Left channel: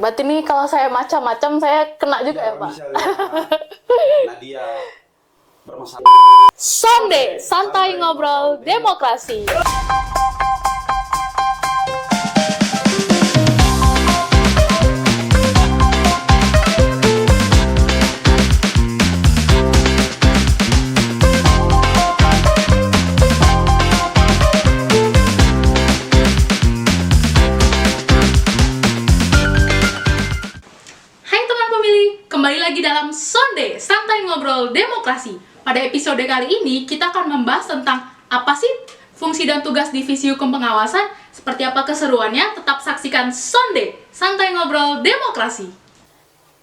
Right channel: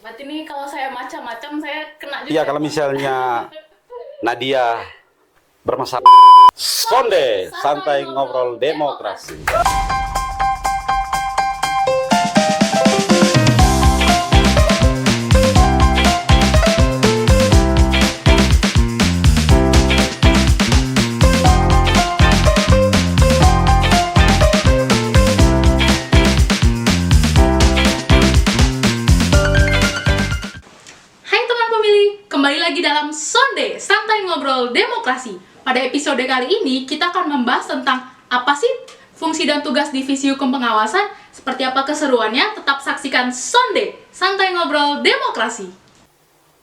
Berarti nih kalau saya macam-macam saya kena juga Iya, ya, kalau Pak? misalnya Nadia bermasalah. Sonde, santai ngobrol demokrasi. Hai teman pemilih, kembali lagi dalam Sonde, santai ngobrol demokrasi. Pada episode kali ini kita akan membahas tentang apa sih fungsi dan tugas Divisi Hukum Pengawasan, seperti apa keseruannya, tetap saksikan Sonde, santai ngobrol demokrasi.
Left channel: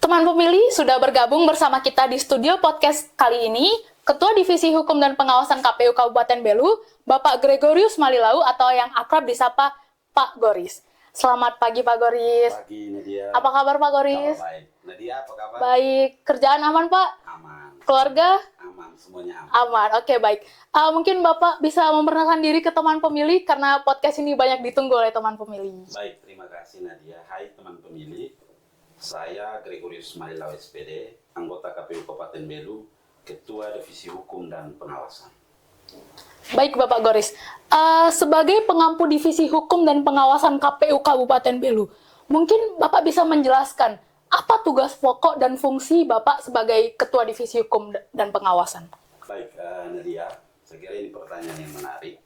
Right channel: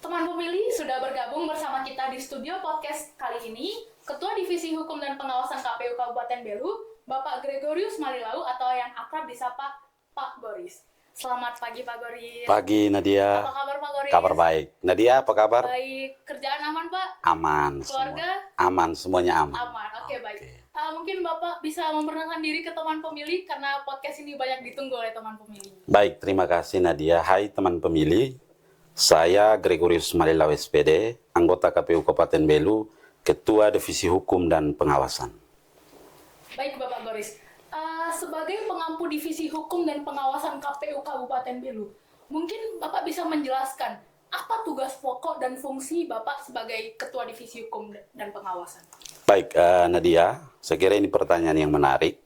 Teman pemilih sudah bergabung bersama kita di studio podcast kali ini, Ketua Divisi Hukum dan Pengawasan KPU Kabupaten Belu, Bapak Gregorius Malilau atau yang akrab disapa Pak Goris. Selamat pagi Pak Goris. Pagi Nadia. Apa kabar Pak Goris? Kabar baik. Nadia apa kabar? Baik, kerjaan aman Pak? Aman. Keluarga? Aman, semuanya aman. Aman, oke baik. Mungkin Bapak bisa memperkenalkan diri ke teman pemilih karena podcast ini banyak ditunggu oleh teman pemilih. Baik, terima kasih Nadia. Hai teman pemilih, saya Gregorius Malilau SPD, anggota KPU Kabupaten Belu, Ketua Divisi Hukum dan Pengawasan. Baik Bapak Goris, sebagai pengampu Divisi Hukum dan Pengawasan KPU Kabupaten Belu, mungkin Bapak bisa menjelaskan apa tugas pokok dan fungsi Bapak sebagai Ketua Divisi Hukum dan Pengawasan? Baik, Nadia, saya kira ini pertanyaan yang menarik.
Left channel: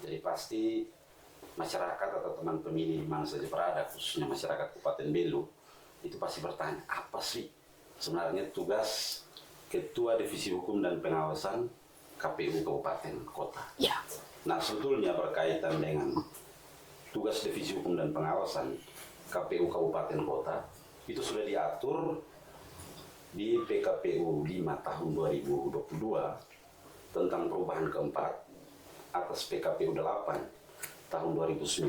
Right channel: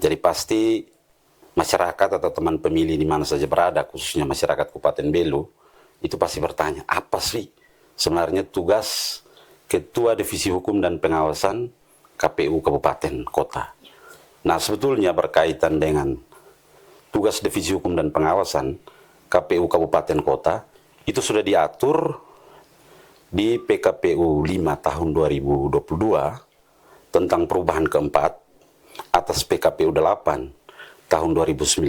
Jadi pasti masyarakat atau teman pemilih di mana saja berada, khususnya masyarakat Kabupaten Belu, itu pasti bertanya, apa sih sebenarnya tugas Ketua Divisi Hukum dan Pengawasan KPU Kabupaten Kota? Ya. Nah, sebetulnya berkaitan dengan tugas Divisi Hukum dan Pengawasan KPU Kabupaten Kota, itu sudah diatur di PKPU 5 tahun 2022 tentang perubahan keempat atas PKPU 8 tahun 2019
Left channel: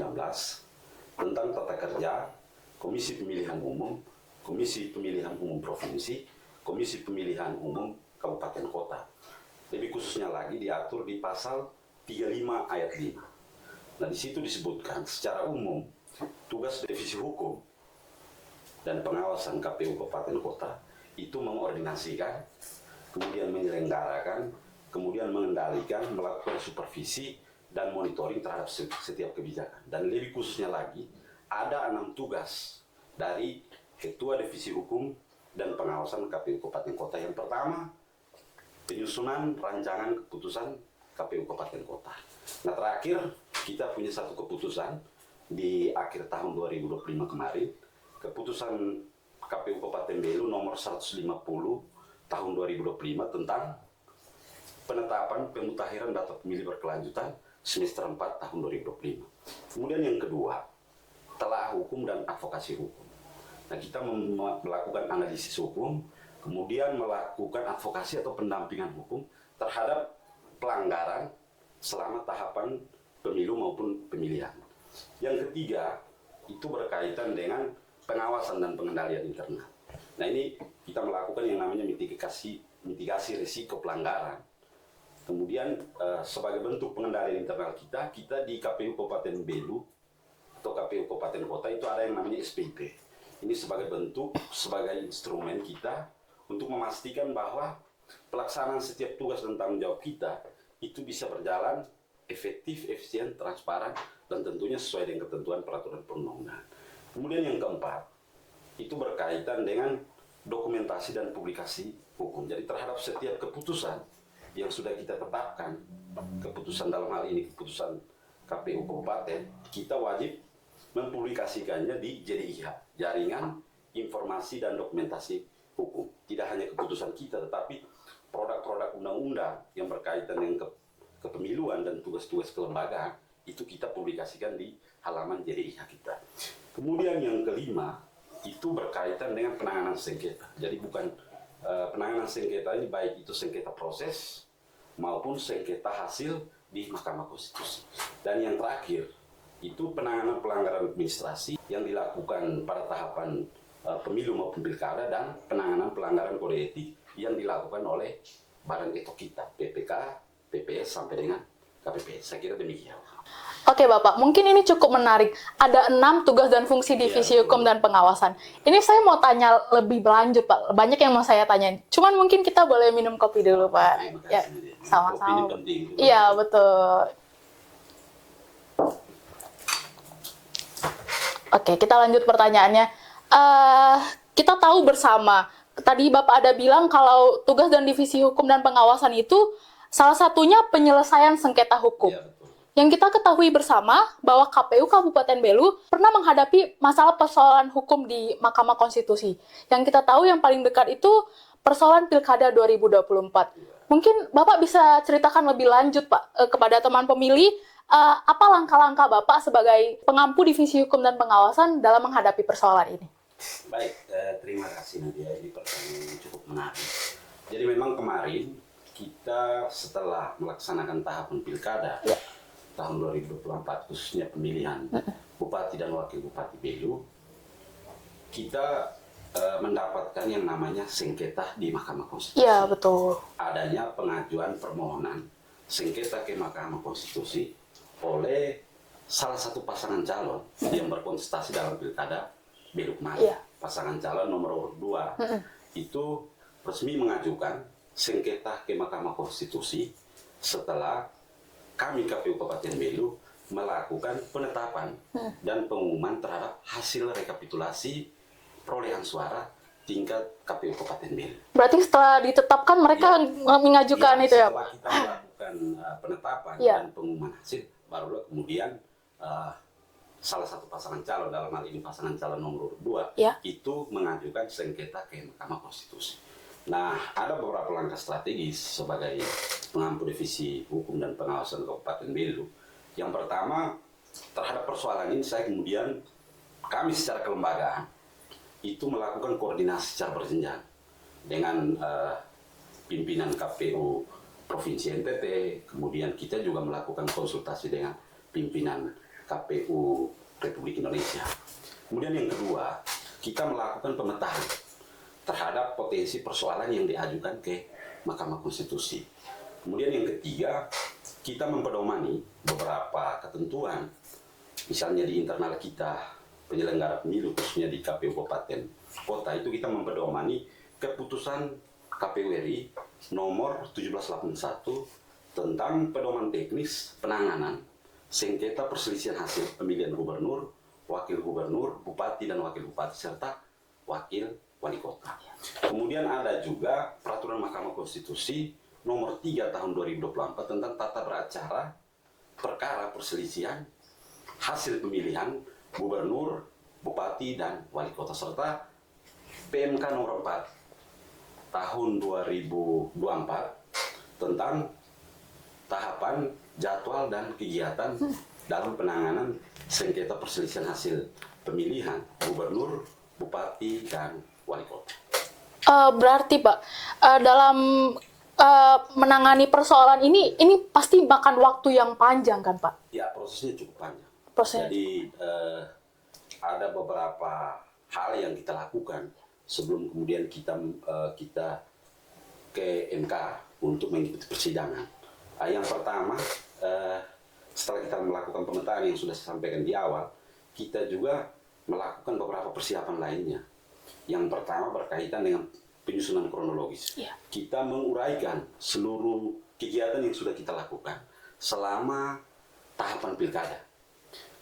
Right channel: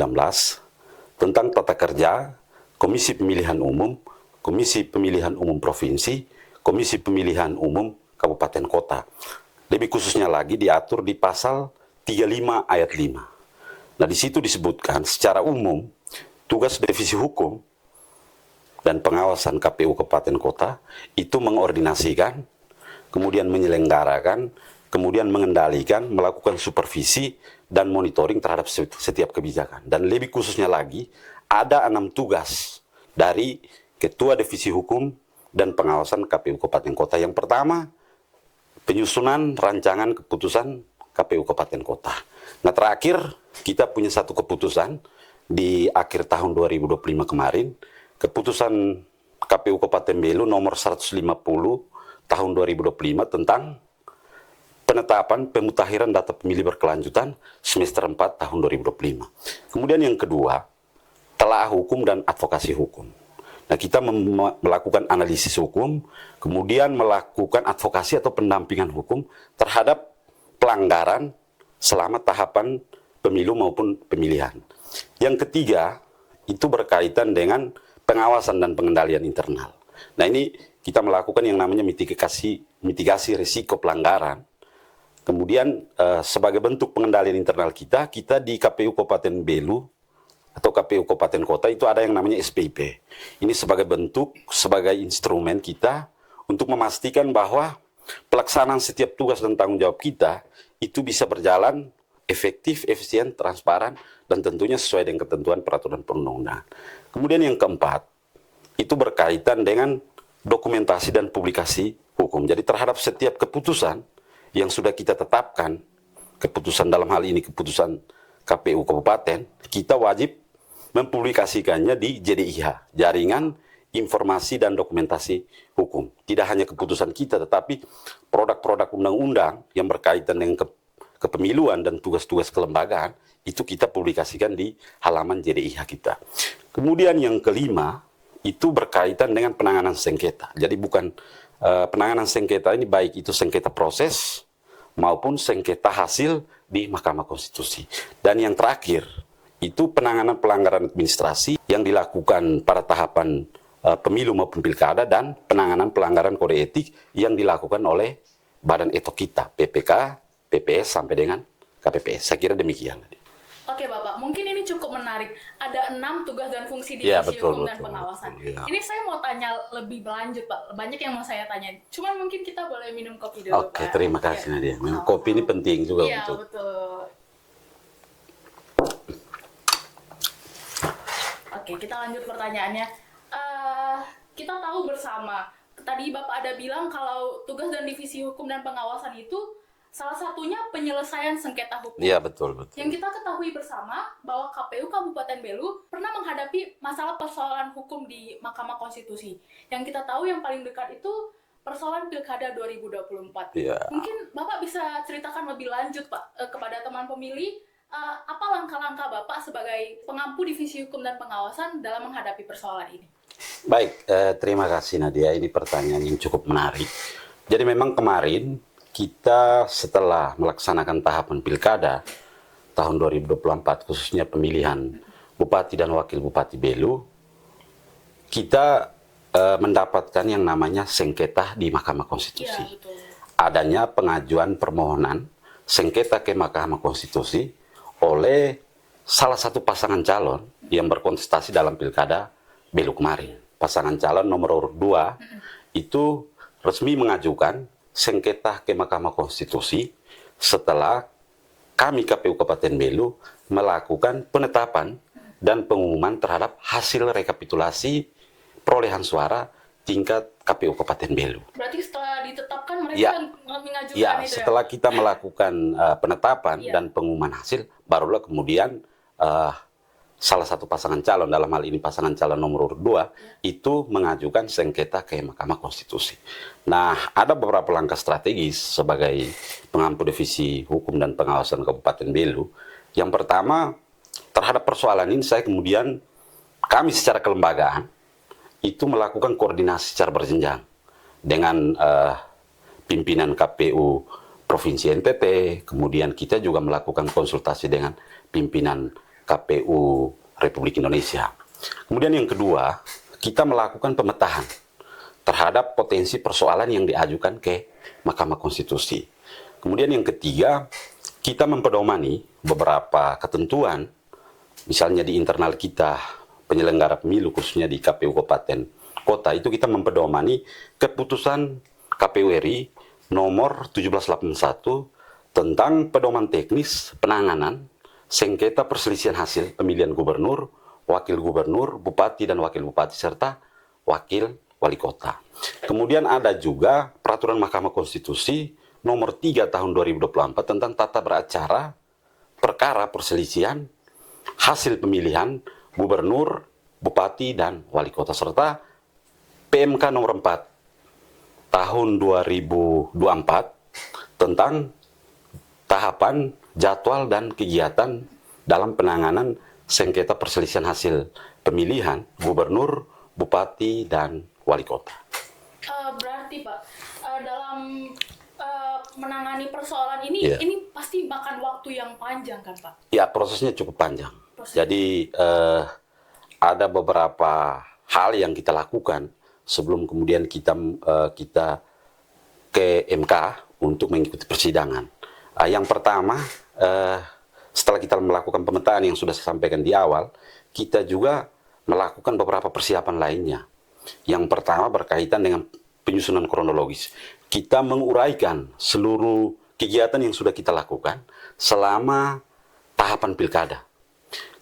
tentang tata kerja Komisi Pemilihan Umum, Komisi Pemilihan Umum Provinsi, Komisi Pemilihan Umum Kabupaten Kota. Lebih khususnya lagi diatur di pasal 35 ayat 5. Nah, di situ disebutkan secara umum tugas Divisi Hukum dan Pengawasan KPU Kabupaten Kota itu mengordinasikan, kemudian menyelenggarakan, kemudian mengendalikan, melakukan supervisi dan monitoring terhadap setiap kebijakan. Dan lebih khususnya lagi, ada 6 tugas dari Ketua Divisi Hukum dan Pengawasan KPU Kabupaten Kota. Yang pertama, penyusunan rancangan keputusan KPU Kabupaten Kota. Nah, terakhir kita punya satu keputusan di akhir tahun 2025 kemarin, keputusan KPU Kabupaten Belu nomor 150 tahun 2025 tentang penetapan pemutakhiran data pemilih berkelanjutan semester 4 tahun 2025. Kemudian yang kedua, telaah hukum dan advokasi hukum. Nah, kita melakukan analisis hukum, kemudian melakukan advokasi atau pendampingan hukum terhadap pelanggaran selama tahapan pemilu maupun pemilihan. Yang ketiga, itu berkaitan dengan pengawasan dan pengendalian internal. Nah, ini kita melakukan yang namanya mitigasi risiko pelanggaran. Kemudian sebagai bentuk pengendalian internal kita di KPU Kabupaten Belu atau KPU Kabupaten Kota itu ada yang namanya SPIP. Ini sebagai bentuk, sebagai instrumen kita untuk memastikan bahwa pelaksanaan setiap tugas dan tanggung jawab kita itu bisa berjalan efektif, efisien, transparan, dan tentunya sesuai dengan ketentuan peraturan perundang-undangan. Kemudian yang keempat, itu berkaitan dengan dokumentasi dan publikasi hukum. Jadi terhadap setiap keputusan yang sudah kita tetapkan, keputusan dalam hal ini keputusan KPU Kabupaten, kita wajib mempublikasikannya di JDIH, Jaringan Informasi dan Dokumentasi Hukum. Tidak hanya keputusan kita, tetapi produk-produk undang-undang yang berkaitan dengan kepemiluan dan tugas-tugas kelembagaan, itu kita publikasikan di halaman JDIH kita. Kemudian yang kelima, itu berkaitan dengan penanganan sengketa. Jadi bukan penanganan sengketa ini baik itu sengketa proses maupun sengketa hasil di Mahkamah Konstitusi. Dan yang terakhir, itu penanganan pelanggaran administrasi yang dilakukan pada tahapan pemilu maupun pilkada dan penanganan pelanggaran kode etik yang dilakukan oleh badan etok kita, PPK, PPS sampai dengan KPPS. Saya kira demikian. Oke Bapak, mungkin ini cukup menarik. Ada 6 tugas dan fungsi Iya, divisi betul, hukum dan betul. pengawasan. Iya. Ini saya mau tanya lebih berlanjut Pak. Banyak yang mau saya tanyain. Cuman mungkin kita boleh minum kopi dulu Oke, Pak. terima kasih Ya, Nadia. Minum sama-sama. kopi ini penting juga. Iya untuk- betul. Oke, kita lanjut pertanyaannya. Kita tahu bersama, tadi Bapak ada bilang kalau tugas dan divisi hukum dan pengawasan itu salah satunya penyelesaian sengketa hukum. Iya, betul, betul. Yang kita ketahui bersama bahwa KPU Kabupaten Belu pernah menghadapi masalah persoalan hukum di Mahkamah Konstitusi. Yang kita tahu yang paling dekat itu persoalan Pilkada 2024. Iya. Mungkin Bapak bisa ceritakan lebih lanjut Pak kepada teman pemilih apa langkah-langkah Bapak sebagai pengampu divisi hukum dan pengawasan dalam menghadapi persoalan ini. Baik, terima kasih Nadia. Ini pertanyaan yang cukup menarik. Jadi memang kemarin kita setelah melaksanakan tahapan pilkada tahun 2024, khususnya pemilihan Bupati dan Wakil Bupati Belu, kita mendapatkan yang namanya sengketa di Mahkamah Konstitusi. Iya, betul. Adanya pengajuan permohonan sengketa ke Mahkamah Konstitusi oleh salah satu pasangan calon yang berkontestasi dalam pilkada Belu kemarin. Iya. Pasangan calon nomor urut 2 itu resmi mengajukan sengketa ke Mahkamah Konstitusi setelah kami KPU Kabupaten Belu melakukan penetapan dan pengumuman terhadap hasil rekapitulasi perolehan suara tingkat KPU Kabupaten Belu. Berarti setelah ditetapkan mereka mengajukan Ya, itu ya? setelah kita melakukan penetapan Ya. dan pengumuman hasil, barulah kemudian salah satu pasangan calon, dalam hal ini pasangan calon nomor urut 2, Ya. itu mengajukan sengketa ke Mahkamah Konstitusi. Nah, ada beberapa langkah strategis sebagai pengampu divisi hukum dan pengawasan Kabupaten Belu. Yang pertama, terhadap persoalan ini kami secara kelembagaan itu melakukan koordinasi secara berjenjang dengan pimpinan KPU Provinsi NTT, kemudian kita juga melakukan konsultasi dengan pimpinan KPU Republik Indonesia. Kemudian yang kedua, kita melakukan pemetaan terhadap potensi persoalan yang diajukan ke Mahkamah Konstitusi. Kemudian yang ketiga, kita mempedomani beberapa ketentuan, misalnya di internal kita, penyelenggara pemilu khususnya di KPU Kabupaten Kota, itu kita mempedomani keputusan KPU RI nomor 1781 tentang pedoman teknis penanganan sengketa perselisihan hasil pemilihan gubernur, wakil gubernur, bupati dan wakil bupati serta wakil wali kota. Kemudian ada juga peraturan Mahkamah Konstitusi nomor 3 tahun 2024 tentang tata beracara perkara perselisihan hasil pemilihan gubernur, bupati dan wali kota serta PMK nomor 4 tahun 2024 tentang tahapan, jadwal, dan kegiatan dalam penanganan sengketa perselisihan hasil pemilihan gubernur, bupati, dan wali kota. Berarti Pak, dalam menangani persoalan ini, Iya. ini pasti makan waktu yang panjang kan Pak? Ya, prosesnya cukup panjang. Prosesnya. Jadi ada beberapa hal yang kita lakukan sebelum kemudian kita ke MK untuk mengikuti persidangan. Yang pertama, setelah kita melakukan pemetaan yang sudah saya sampaikan di awal, kita juga melakukan beberapa persiapan lainnya. Yang pertama berkaitan dengan penyusunan kronologis. Kita menguraikan seluruh kegiatan yang sudah kita lakukan selama tahapan pilkada.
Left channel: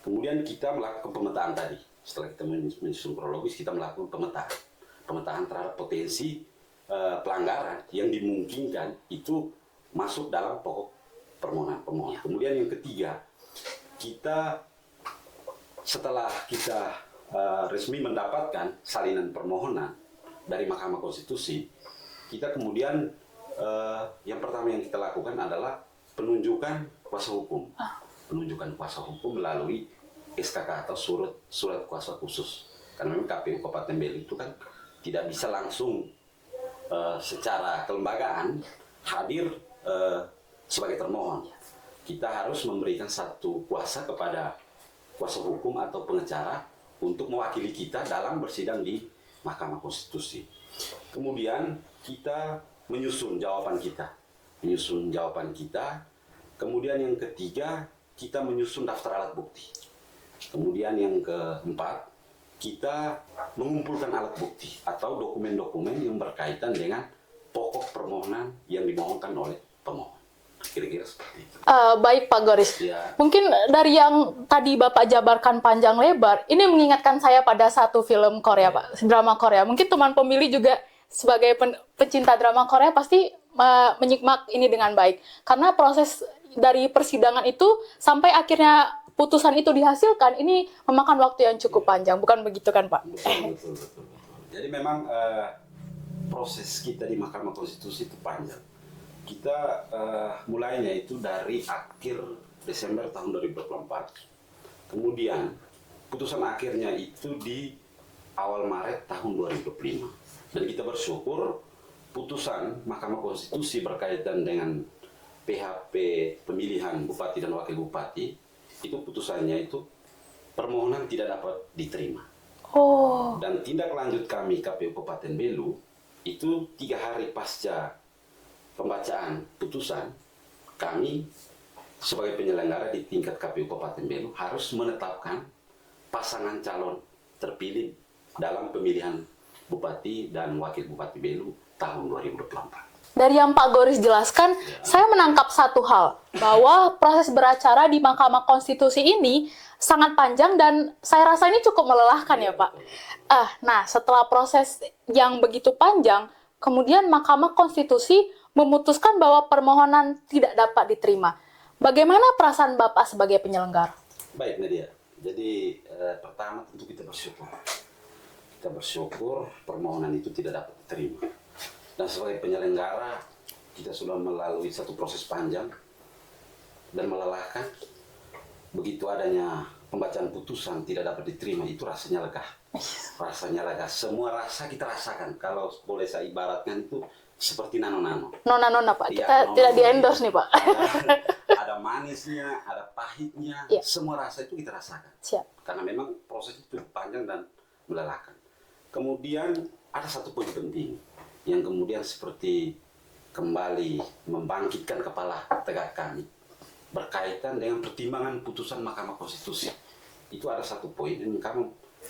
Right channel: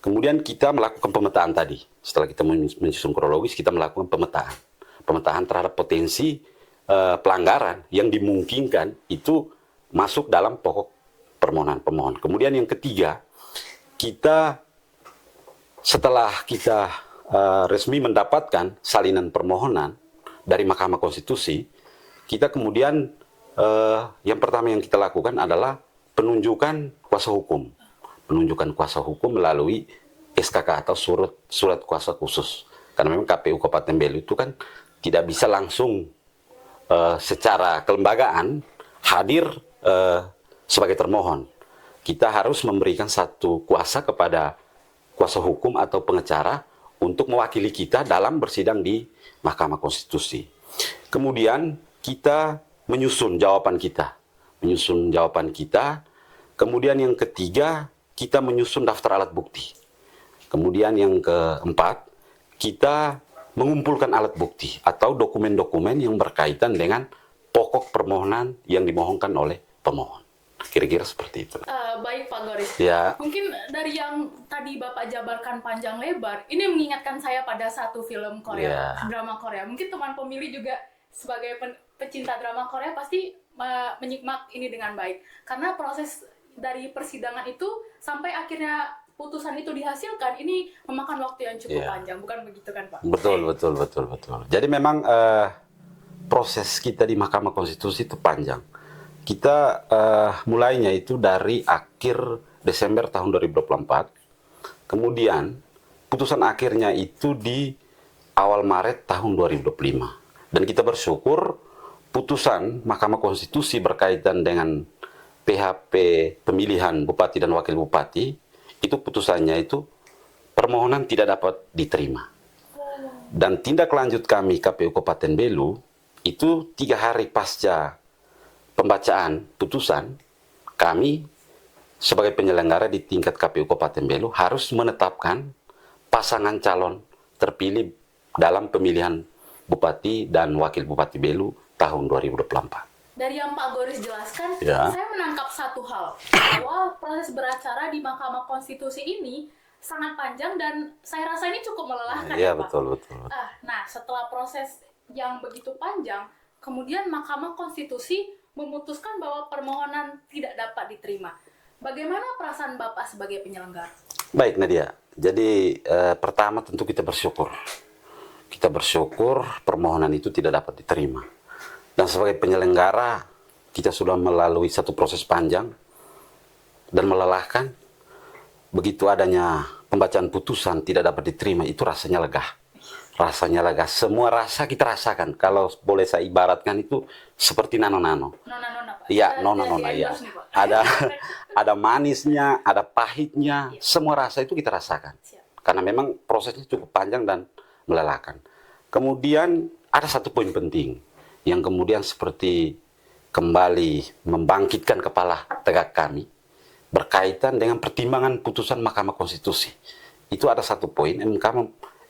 Kemudian kita melakukan pemetaan tadi. Setelah kita menyusun kronologis, kita melakukan pemetaan. Pemetaan terhadap potensi pelanggaran yang dimungkinkan itu masuk dalam pokok permohonan pemohon. Kemudian yang ketiga, setelah kita resmi mendapatkan salinan permohonan dari Mahkamah Konstitusi, kita kemudian yang pertama yang kita lakukan adalah penunjukan kuasa hukum. Penunjukan kuasa hukum melalui SKK atau surat kuasa khusus. Karena memang KPU Kabupaten Belu itu kan tidak bisa langsung secara kelembagaan hadir sebagai termohon. Kita harus memberikan satu kuasa kepada kuasa hukum atau pengacara untuk mewakili kita dalam bersidang di Mahkamah Konstitusi. Kemudian kita menyusun jawaban kita. Kemudian yang ketiga, kita menyusun daftar alat bukti. Kemudian yang keempat, kita mengumpulkan alat bukti atau dokumen-dokumen yang berkaitan dengan pokok permohonan yang dimohonkan oleh pemohon. Kira-kira seperti itu. Baik Pak Goris. Ya. Mungkin dari yang tadi Bapak jabarkan panjang lebar, ini mengingatkan saya pada satu film Korea, Pak, drama Korea. Mungkin teman pemilih juga sebagai pecinta drama Korea pasti menyimak ini dengan baik. Karena proses dari persidangan itu sampai akhirnya putusan itu dihasilkan, ini memakan waktu yang cukup panjang. Bukan begitu kan, Pak? Betul. Jadi memang proses kita di Mahkamah Konstitusi itu panjang. Kita mulainya itu dari akhir Desember tahun 2024, kemudian putusan akhirnya itu di awal Maret tahun 2025. Dan kita bersyukur putusan Mahkamah Konstitusi berkaitan dengan PHP pemilihan Bupati dan Wakil Bupati, itu putusannya itu permohonan tidak dapat diterima. Dan tindak lanjut kami KPU Kabupaten Belu, itu 3 hari pasca pembacaan putusan, kami sebagai penyelenggara di tingkat KPU Kabupaten Belu harus menetapkan pasangan calon terpilih dalam pemilihan Bupati dan Wakil Bupati Belu tahun 2024. Dari yang Pak Goris jelaskan, saya menangkap satu hal, bahwa proses beracara di Mahkamah Konstitusi ini sangat panjang dan saya rasa ini cukup melelahkan ya Pak. Betul. Nah, setelah proses yang begitu panjang, kemudian Mahkamah Konstitusi memutuskan bahwa permohonan tidak dapat diterima. Bagaimana perasaan Bapak sebagai penyelenggara? Baik Nadia, jadi pertama tentu kita bersyukur. Kita bersyukur permohonan itu tidak dapat diterima. Dan sebagai penyelenggara, kita sudah melalui satu proses panjang dan melelahkan. Begitu adanya pembacaan putusan tidak dapat diterima, itu rasanya lega. Rasanya lega. Semua rasa kita rasakan. Kalau boleh saya ibaratkan itu seperti nano-nano. Nona-nona Pak, Ya, kita tidak di-endorse nih Pak. Ada manisnya, ada pahitnya, semua rasa itu kita rasakan. Siap. Karena memang prosesnya cukup panjang dan melelahkan. Kemudian ada satu poin penting yang kemudian seperti kembali membangkitkan kepala tegak kami berkaitan dengan pertimbangan putusan Mahkamah Konstitusi. Itu ada satu poin, MK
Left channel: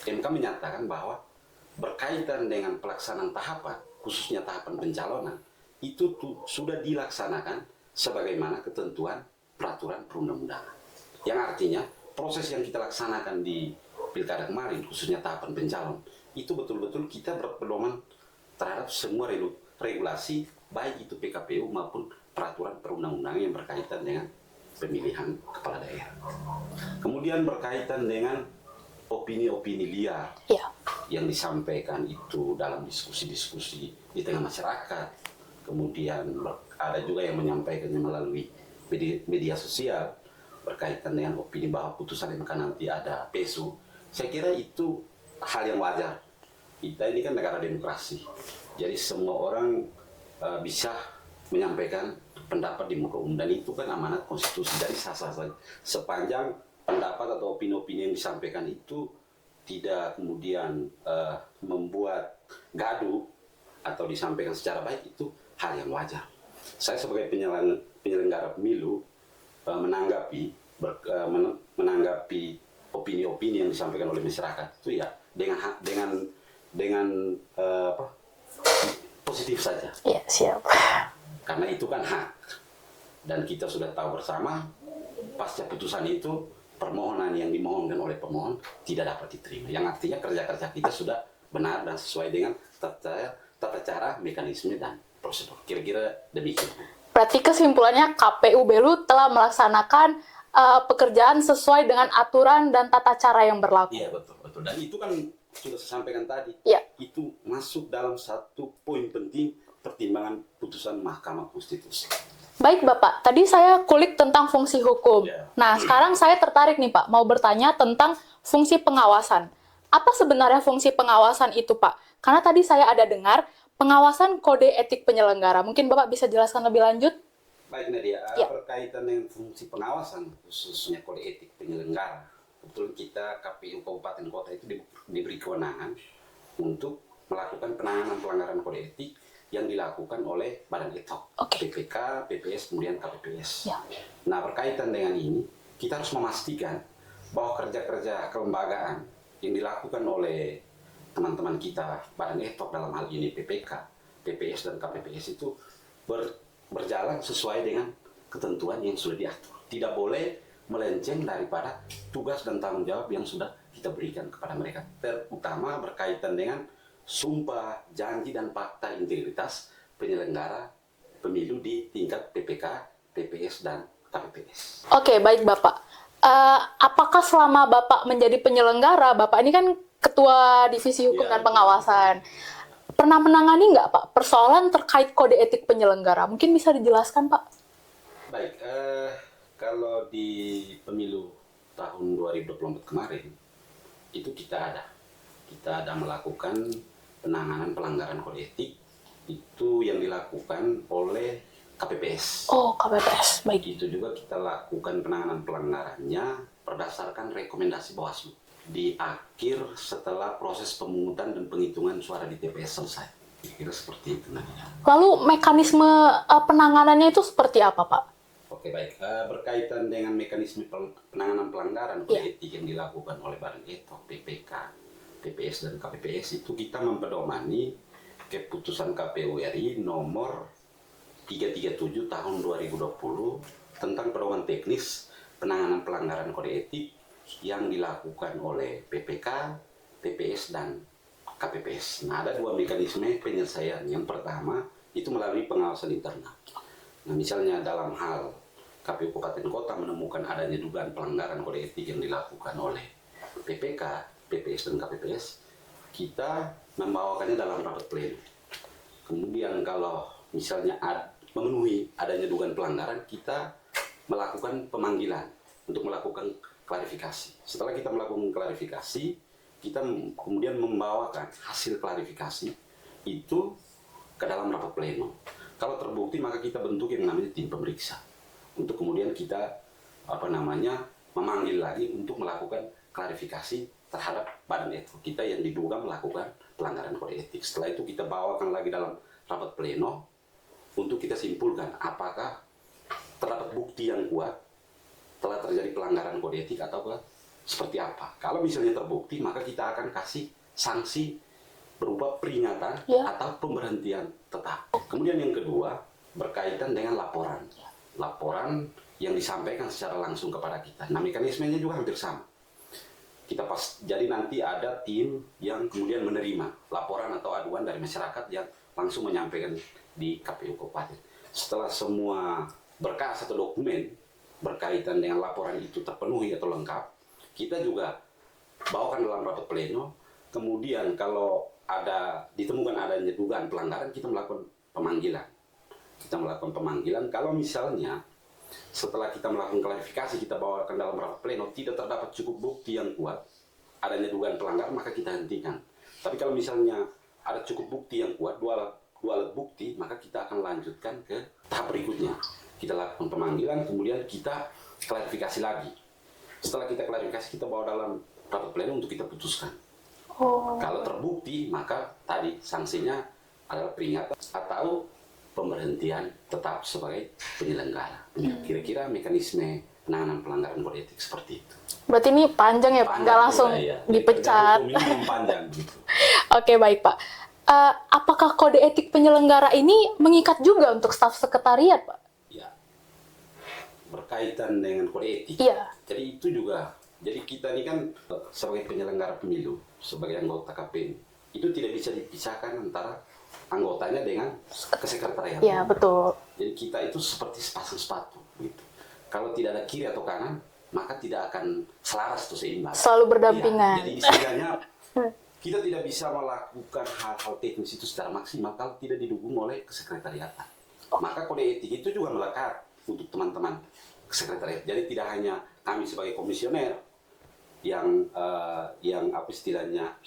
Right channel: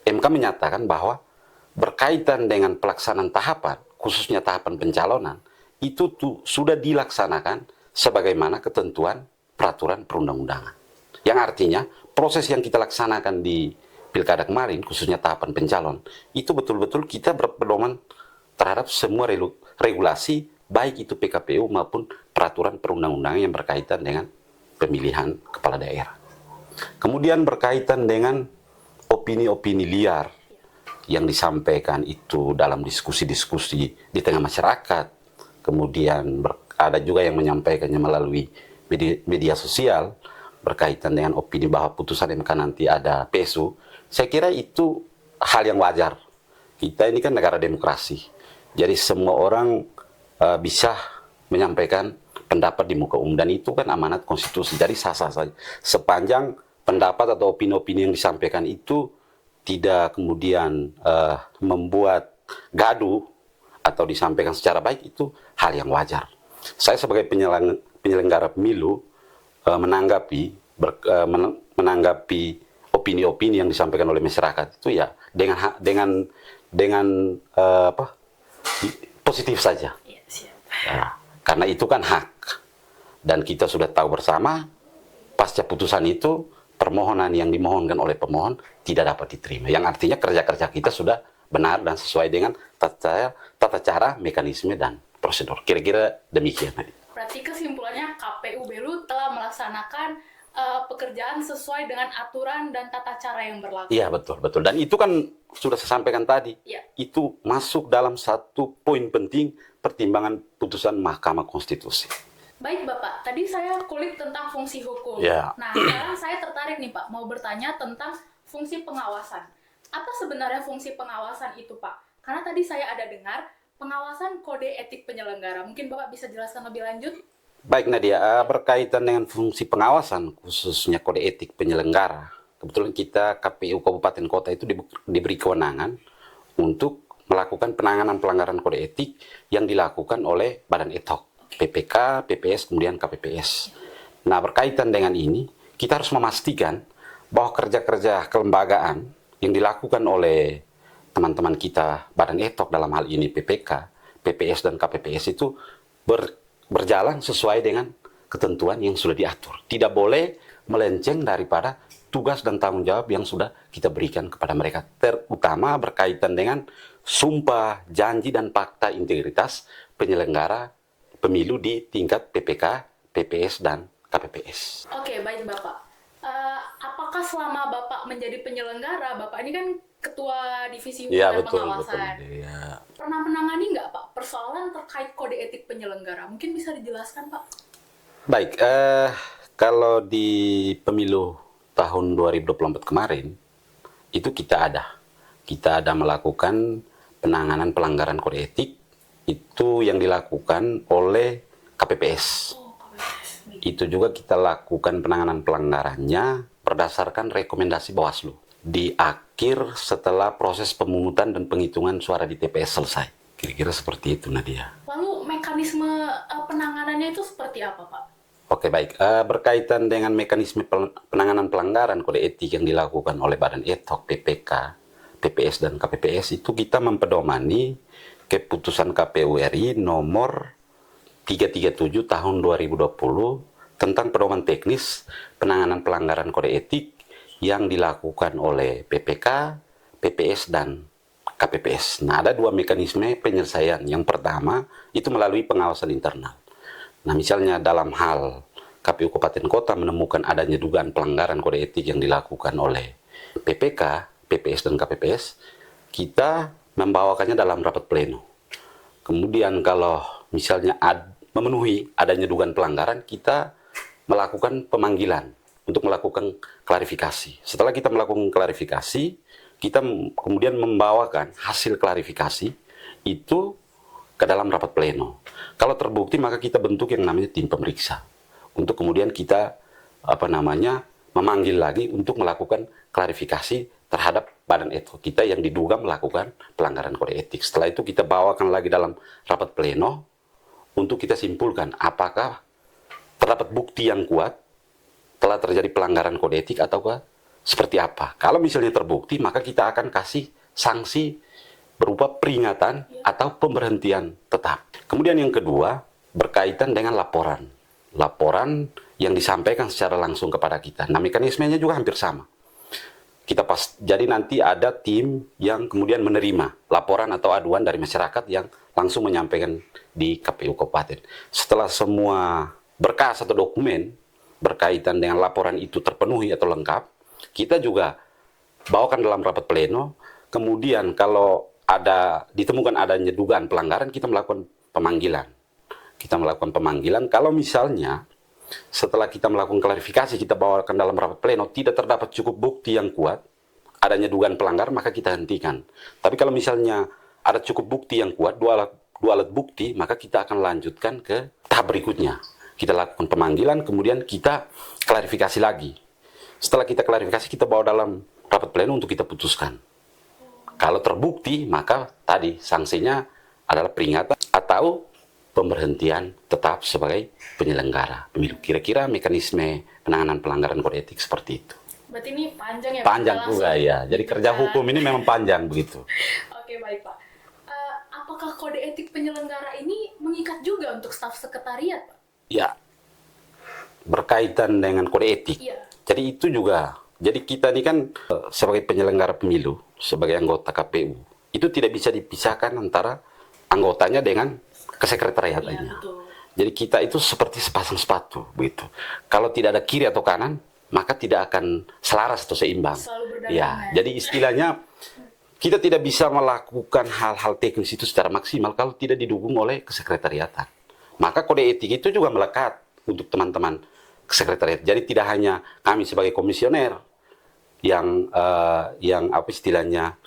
menyatakan bahwa berkaitan dengan pelaksanaan tahapan, khususnya tahapan pencalonan, itu sudah dilaksanakan sebagaimana ketentuan peraturan perundang-undangan. Yang artinya, proses yang kita laksanakan di Pilkada kemarin, khususnya tahapan pencalon, itu betul-betul kita berpedoman terhadap semua regulasi, baik itu PKPU maupun peraturan perundang-undangan yang berkaitan dengan pemilihan kepala daerah. Kemudian berkaitan dengan opini-opini liar yang disampaikan itu dalam diskusi-diskusi di tengah masyarakat. Kemudian ada juga yang menyampaikannya melalui media sosial berkaitan dengan opini bahwa putusan MK nanti ada PSU. Saya kira itu hal yang wajar. Kita ini kan negara demokrasi. Jadi semua orang bisa menyampaikan pendapat di muka umum, dan itu kan amanat konstitusi. Jadi sah-sah saja sepanjang pendapat atau opini-opini yang disampaikan itu tidak kemudian membuat gaduh atau disampaikan secara baik, itu hal yang wajar. Saya sebagai penyelenggara pemilu menanggapi opini-opini yang disampaikan oleh masyarakat itu ya dengan positif saja. Iya, siap. Karena itu kan hak. Dan kita sudah tahu bersama, pasca putusan itu, permohonan yang dimohonkan oleh tidak dapat diterima. Yang artinya kerja-kerja kita sudah benar dan sesuai dengan tata cara, mekanisme, dan prosedur. Kira-kira demikian. Berarti kesimpulannya KPU Belu telah melaksanakan pekerjaan sesuai dengan aturan dan tata cara yang berlaku. Iya, betul. Dan itu kan sudah saya sampaikan tadi. Itu masuk dalam satu poin penting pertimbangan putusan Mahkamah Konstitusi. Baik Bapak, tadi saya kulik tentang fungsi hukum. Nah, sekarang saya tertarik nih Pak, mau bertanya tentang fungsi pengawasan. Apa sebenarnya fungsi pengawasan itu Pak? Karena tadi saya ada dengar pengawasan kode etik penyelenggara. Mungkin Bapak bisa jelaskan lebih lanjut? Baik Nadia, berkaitan dengan fungsi pengawasan, khususnya kode etik penyelenggara. Kebetulan kita KPU Kabupaten Kota itu diberi kewenangan untuk melakukan penanganan pelanggaran kode etik yang dilakukan oleh Badan Ad Hoc, PPK, PPS, kemudian KPPS. Nah, berkaitan dengan ini, kita harus memastikan bahwa kerja-kerja kelembagaan yang dilakukan oleh teman-teman kita Badan Etok dalam hal ini PPK, PPS dan KPPS itu berjalan sesuai dengan ketentuan yang sudah diatur. Tidak boleh melenceng daripada tugas dan tanggung jawab yang sudah kita berikan kepada mereka, terutama berkaitan dengan sumpah, janji, dan fakta integritas penyelenggara pemilu di tingkat PPK, PPS, dan KPPS. Oke, baik Bapak. Apakah selama Bapak menjadi penyelenggara, Bapak ini kan Ketua Divisi Hukum Ya, dan betul, Pengawasan, betul. Ya. pernah menangani nggak Pak persoalan terkait kode etik penyelenggara? Mungkin bisa dijelaskan Pak? Baik, kalau di pemilu tahun 2024 kemarin, itu kita ada melakukan penanganan pelanggaran kode etik, itu yang dilakukan oleh KPPS. Oh, KPPS, baik. Itu juga kita lakukan penanganan pelanggarannya berdasarkan rekomendasi Bawaslu. Di akhir setelah proses pemungutan dan penghitungan suara di TPS selesai. Kira-kira seperti itu, Nadia. Lalu mekanisme penanganannya itu seperti apa Pak? Oke, baik. Berkaitan dengan mekanisme penanganan pelanggaran kode etik yang dilakukan oleh Badan Etok, PPK, PPS, dan KPPS, itu kita mempedomani keputusan KPU RI nomor 337 tahun 2020 tentang pedoman teknis penanganan pelanggaran kode etik yang dilakukan oleh PPK, PPS, dan KPPS. Nah, ada dua mekanisme penyelesaian. Yang pertama, itu melalui pengawasan internal. Nah, misalnya dalam hal KPU Kabupaten Kota menemukan adanya dugaan pelanggaran kode etik yang dilakukan oleh PPK, PPS, dan KPPS, kita membawakannya dalam rapat pleno. Kemudian kalau misalnya memenuhi adanya dugaan pelanggaran, kita melakukan pemanggilan untuk melakukan klarifikasi. Setelah kita melakukan klarifikasi, kita kemudian membawakan hasil klarifikasi itu ke dalam rapat pleno. Kalau terbukti, maka kita bentuk yang namanya tim pemeriksa untuk kemudian kita memanggil lagi untuk melakukan klarifikasi terhadap badan etik kita yang diduga melakukan pelanggaran kode etik. Setelah itu kita bawakan lagi dalam rapat pleno untuk kita simpulkan apakah terdapat bukti yang kuat telah terjadi pelanggaran kode etik ataukah seperti apa. Kalau misalnya terbukti, maka kita akan kasih sanksi berupa peringatan atau pemberhentian tetap. Kemudian yang kedua, berkaitan dengan laporan. Laporan yang disampaikan secara langsung kepada kita. Nah, mekanismenya juga hampir sama. Jadi nanti ada tim yang kemudian menerima laporan atau aduan dari masyarakat yang langsung menyampaikan di KPU Kabupaten. Setelah semua berkas atau dokumen berkaitan dengan laporan itu terpenuhi atau lengkap, kita juga bawakan dalam rapat pleno. Kemudian kalau ditemukan adanya dugaan pelanggaran, kita melakukan pemanggilan. Kalau misalnya setelah kita melakukan klarifikasi, kita bawakan dalam rapat pleno, tidak terdapat cukup bukti yang kuat adanya dugaan pelanggar, maka kita hentikan. Tapi kalau misalnya ada cukup bukti yang kuat, dua alat bukti, maka kita akan lanjutkan ke tahap berikutnya. Kita lakukan pemanggilan, kemudian kita klarifikasi lagi. Setelah kita klarifikasi, kita bawa dalam rapat pleno untuk kita putuskan. Kalau terbukti, maka tadi sanksinya adalah peringatan atau pemberhentian tetap sebagai penyelenggara pemilu. Kira-kira mekanisme penanganan pelanggaran kode etik seperti itu. Berarti ini panjang ya Pak? Panjang juga ya. Jadi kerja hukum ini memang panjang begitu. Oke, baik Pak. Apakah kode etik penyelenggara ini mengikat juga untuk staf sekretariat Pak? Ya, berkaitan dengan kode etik. Iya. Jadi itu juga. Jadi kita ini kan sebagai penyelenggara pemilu, sebagai anggota KPU, itu tidak bisa dipisahkan antara anggotanya dengan kesekretariatannya. Iya, betul. Jadi kita itu seperti sepasang sepatu, begitu. Kalau tidak ada kiri atau kanan, maka tidak akan selaras atau seimbang. Selalu berdampingan. Ya, jadi istilahnya kita tidak bisa melakukan hal-hal teknis itu secara maksimal kalau tidak didukung oleh kesekretariatan. Maka kode etik itu juga melekat untuk teman-teman kesekretariat. Jadi tidak hanya kami sebagai komisioner yang apa istilahnya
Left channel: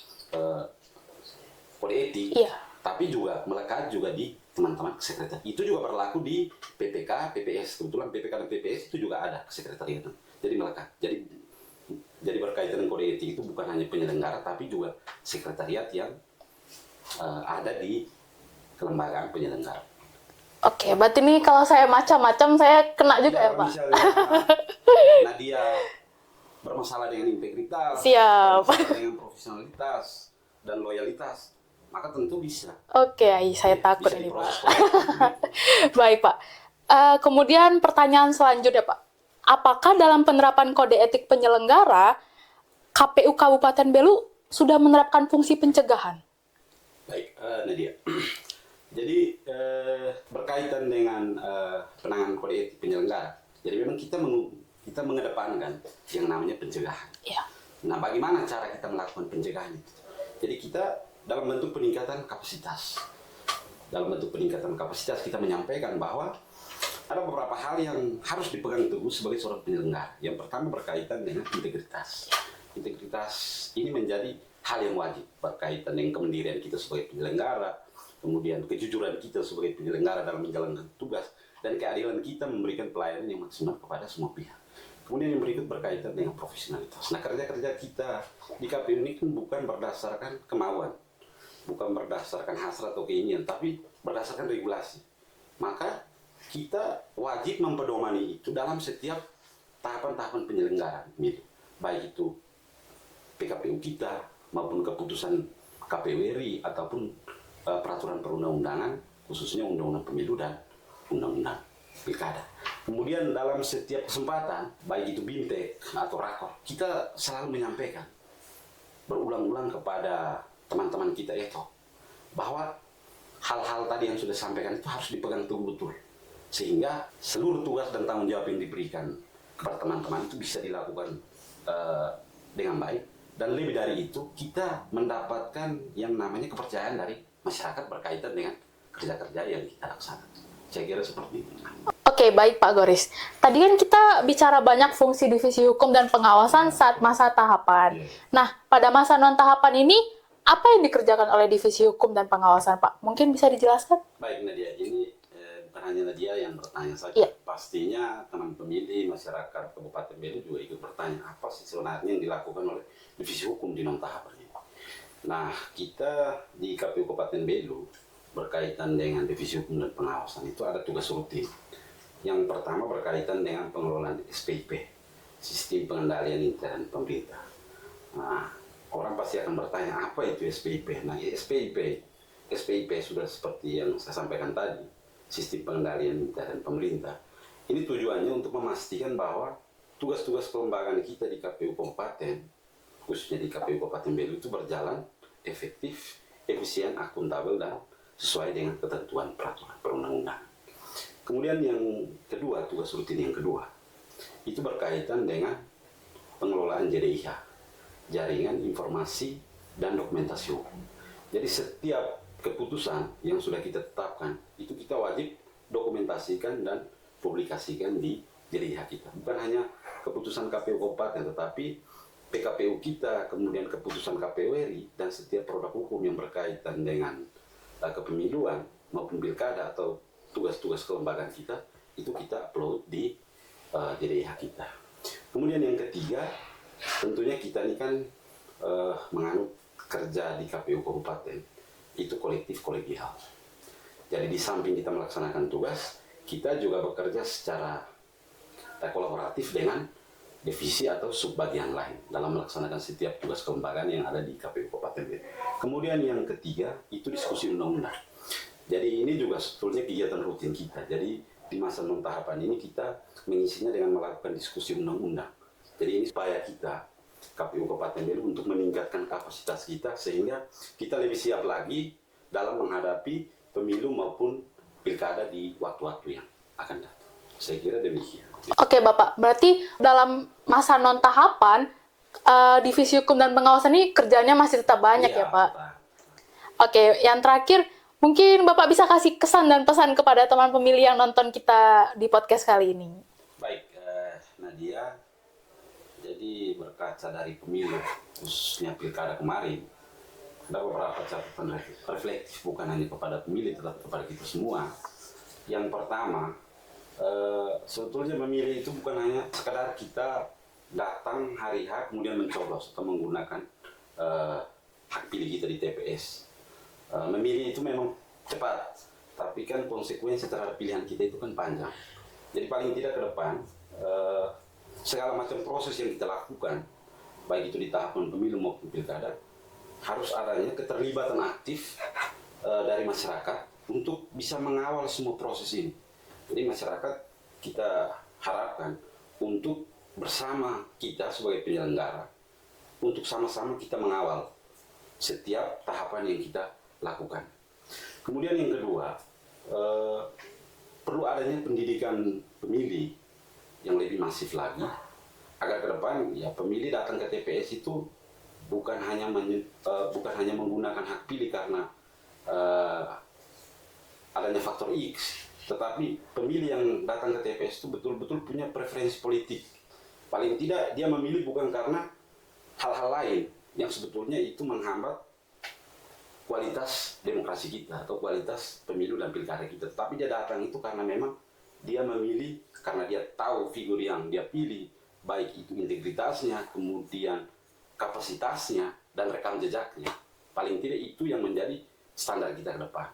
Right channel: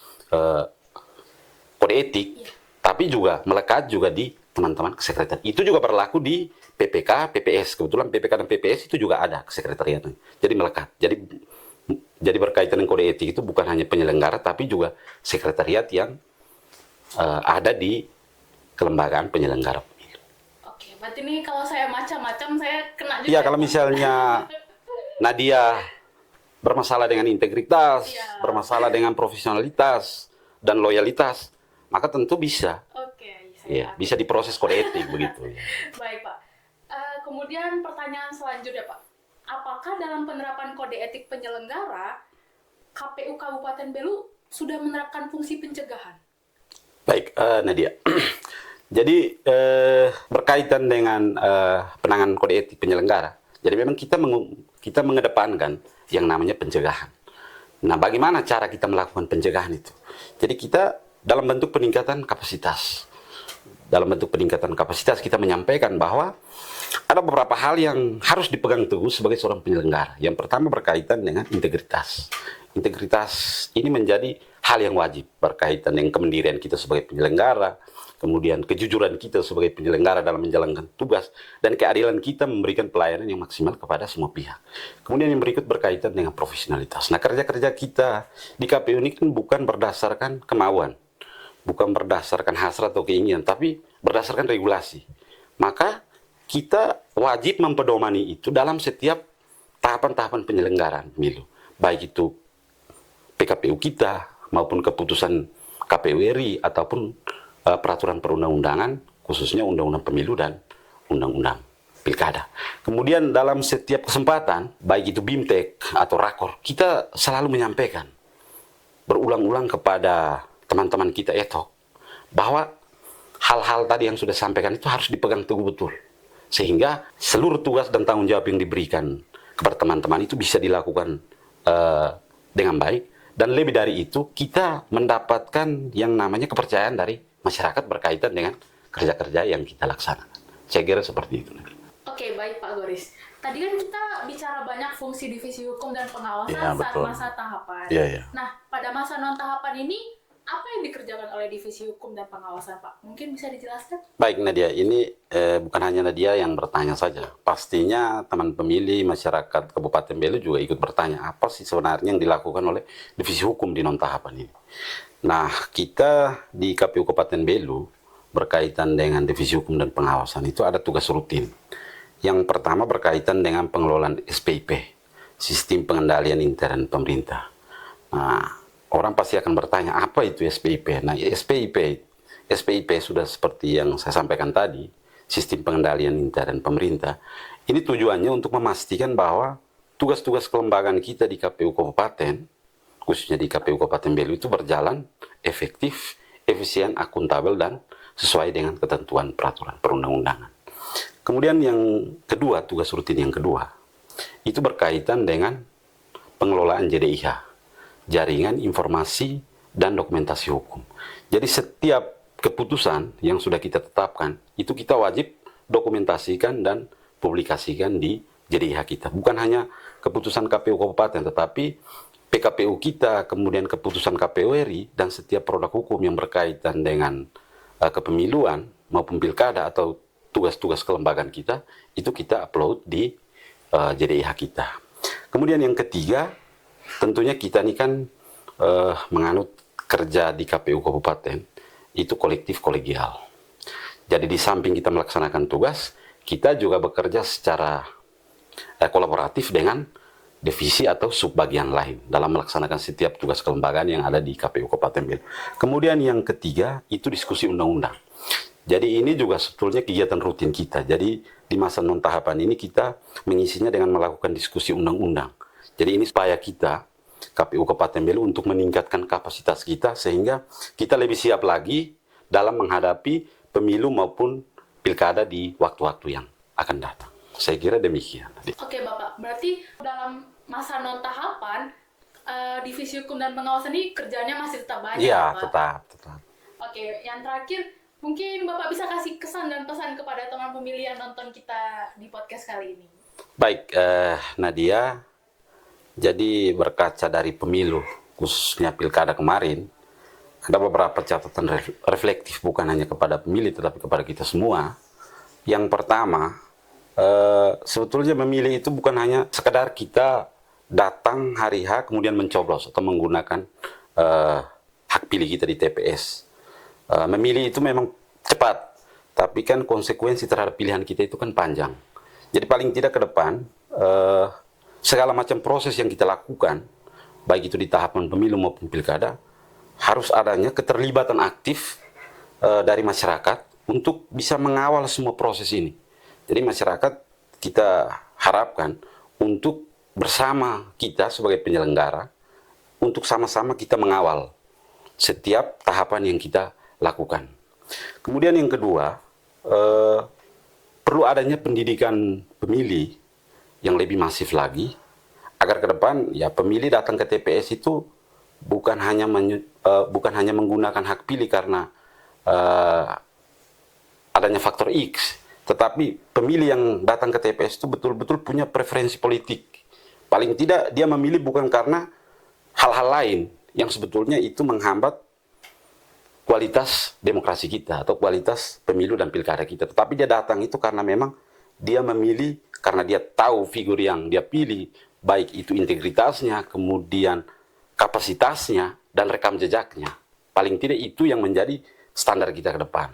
kode etik, tapi juga melekat juga di teman-teman kesekretariat. Itu juga berlaku di PPK, PPS. Kebetulan PPK dan PPS itu juga ada kesekretariatan. Jadi melekat. Jadi berkaitan dengan kode etik itu bukan hanya penyelenggara, tapi juga sekretariat yang ada di kelembagaan penyelenggara pemilu. Oke, berarti ini kalau saya macam-macam saya kena juga Iya, ya, kalau Pak? misalnya Nadia bermasalah dengan integritas, Siap. bermasalah dengan profesionalitas dan loyalitas, maka tentu bisa. Oke, ai, saya Ya, takut bisa nih, diproses Pak. kode etik begitu. Baik, Pak. Kemudian pertanyaan selanjutnya, Pak. Apakah dalam penerapan kode etik penyelenggara, KPU Kabupaten Belu sudah menerapkan fungsi pencegahan? Baik, Nadia. Jadi berkaitan dengan penanganan kode etik penyelenggara, jadi memang kita mengedepankan yang namanya pencegahan. Ya. Nah, bagaimana cara kita melakukan pencegahan itu? Jadi kita dalam bentuk peningkatan kapasitas. Dalam bentuk peningkatan kapasitas kita menyampaikan bahwa ada beberapa hal yang harus dipegang teguh sebagai seorang penyelenggara. Yang pertama berkaitan dengan integritas. Integritas ini menjadi hal yang wajib berkaitan dengan kemandirian kita sebagai penyelenggara, kemudian kejujuran kita sebagai penyelenggara dalam menjalankan tugas, dan keadilan kita memberikan pelayanan yang maksimal kepada semua pihak. Kemudian yang berikut berkaitan dengan profesionalitas. Nah, kerja-kerja kita di KPU ini kan bukan berdasarkan kemauan, bukan berdasarkan hasrat atau keinginan, tapi berdasarkan regulasi. Maka kita wajib mempedomani itu dalam setiap tahapan-tahapan penyelenggaraan pemilu, baik itu PKPU kita maupun keputusan KPU RI ataupun peraturan perundang-undangan, khususnya undang-undang pemilu dan undang-undang pilkada. Kemudian dalam setiap kesempatan, baik itu BIMTEK atau rakor, kita selalu menyampaikan berulang-ulang kepada teman-teman kita bahwa hal-hal tadi yang sudah sampaikan itu harus dipegang teguh betul, sehingga seluruh tugas dan tanggung jawab yang diberikan kepada teman-teman itu bisa dilakukan dengan baik, dan lebih dari itu kita mendapatkan yang namanya kepercayaan dari masyarakat berkaitan dengan kerja-kerja yang kita laksanakan. Saya kira seperti itu. Oke, baik Pak Goris. Tadi kan kita bicara banyak fungsi divisi hukum dan pengawasan Ya, saat betul. masa tahapan. Ya, ya. Nah, pada masa non-tahapan ini, apa yang dikerjakan oleh divisi hukum dan pengawasan, Pak? Mungkin bisa dijelaskan? Baik Nadia, ini bukan hanya Nadia yang bertanya saja. Iya. Pastinya teman pemilih, masyarakat Kabupaten Belu juga ikut bertanya, apa sih sebenarnya yang dilakukan oleh divisi hukum di non-tahapan ini. Nah, kita di KPU Kabupaten Belu berkaitan dengan divisi hukum dan pengawasan itu ada tugas rutin. Yang pertama berkaitan dengan pengelolaan SPIP, Sistem Pengendalian Intern Pemerintah. Nah, orang pasti akan bertanya, apa itu SPIP? Nah, SPIP sudah seperti yang saya sampaikan tadi, Sistem Pengendalian Intern Pemerintah. Ini tujuannya untuk memastikan bahwa tugas-tugas kelembagaan kita di KPU Kabupaten, khususnya di KPU Kabupaten Belu itu berjalan efektif, efisien, akuntabel, dan sesuai dengan ketentuan peraturan perundang-undangan. Kemudian yang kedua, tugas rutin yang kedua, itu berkaitan dengan pengelolaan JDIH, Jaringan Informasi dan Dokumentasi Hukum. Jadi setiap keputusan yang sudah kita tetapkan, itu kita wajib dokumentasikan dan publikasikan di JDIH kita. Bukan hanya keputusan KPU Kabupaten, tetapi PKPU kita, kemudian keputusan KPU RI, dan setiap produk hukum yang berkaitan dengan kepemiluan maupun pilkada atau tugas-tugas kelembagaan kita, itu kita upload di JDIH kita. Kemudian yang ketiga, tentunya kita ini kan menganut kerja di KPU Kabupaten, itu kolektif kolegial. Jadi di samping kita melaksanakan tugas, kita juga bekerja secara kolaboratif dengan divisi atau subbagian lain dalam melaksanakan setiap tugas kelembagaan yang ada di KPU Kabupaten Belu. Kemudian yang ketiga, itu diskusi undang-undang. Jadi ini juga sebetulnya kegiatan rutin kita. Jadi di masa non-tahapan ini kita mengisinya dengan melakukan diskusi undang-undang. Jadi ini supaya kita, KPU Kabupaten Belu, untuk meningkatkan kapasitas kita sehingga kita lebih siap lagi dalam menghadapi pemilu maupun pilkada di waktu-waktu yang akan datang. Saya kira demikian. Oke, Bapak. Berarti dalam masa non-tahapan, divisi hukum dan pengawasan ini kerjanya masih tetap banyak ya, Pak? Tetap. Oke, yang terakhir, mungkin Bapak bisa kasih kesan dan pesan kepada teman pemilih yang nonton kita di podcast kali ini. Baik, Nadia, jadi berkaca dari pemilu, khususnya pilkada kemarin, ada beberapa catatan reflektif bukan hanya kepada pemilih, tetapi kepada kita semua. Yang pertama, sebetulnya memilih itu bukan hanya sekedar kita datang hari H kemudian mencoblos atau menggunakan hak pilih kita di TPS. Memilih itu memang cepat, tapi kan konsekuensi terhadap pilihan kita itu kan panjang. Jadi paling tidak ke depan, segala macam proses yang kita lakukan, baik itu di tahapan pemilu maupun pilkada, harus adanya keterlibatan aktif dari masyarakat untuk bisa mengawal semua proses ini. Jadi masyarakat kita harapkan untuk bersama kita sebagai penyelenggara, untuk sama-sama kita mengawal setiap tahapan yang kita lakukan. Kemudian yang kedua, perlu adanya pendidikan pemilih yang lebih masif lagi, agar ke depan ya pemilih datang ke TPS itu bukan hanya menggunakan hak pilih karena adanya faktor X, tetapi pemilih yang datang ke TPS itu betul-betul punya preferensi politik. Paling tidak dia memilih bukan karena hal-hal lain yang sebetulnya itu menghambat kualitas demokrasi kita atau kualitas pemilu dan pilkada kita. Tetapi dia datang itu karena memang dia memilih karena dia tahu figur yang dia pilih, baik itu integritasnya, kemudian kapasitasnya, dan rekam jejaknya. Paling tidak itu yang menjadi standar kita ke depan.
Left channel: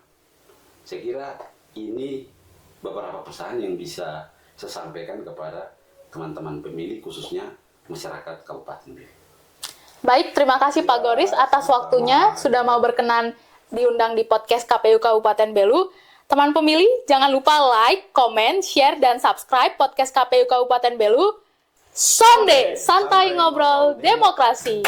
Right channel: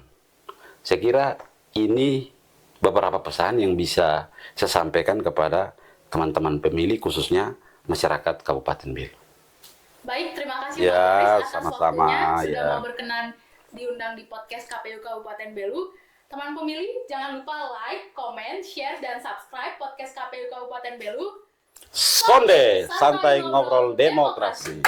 Saya kira ini beberapa pesan yang bisa saya sampaikan kepada teman-teman pemilih, khususnya masyarakat Kabupaten Belu. Baik, terima kasih Pak Ya, Goris atas sama-sama, waktunya sudah ya. mau berkenan diundang di podcast KPU Kabupaten Belu. Teman pemilih, jangan lupa like, comment, share, dan subscribe podcast KPU Kabupaten Belu. Sonde, santai ngobrol demokrasi.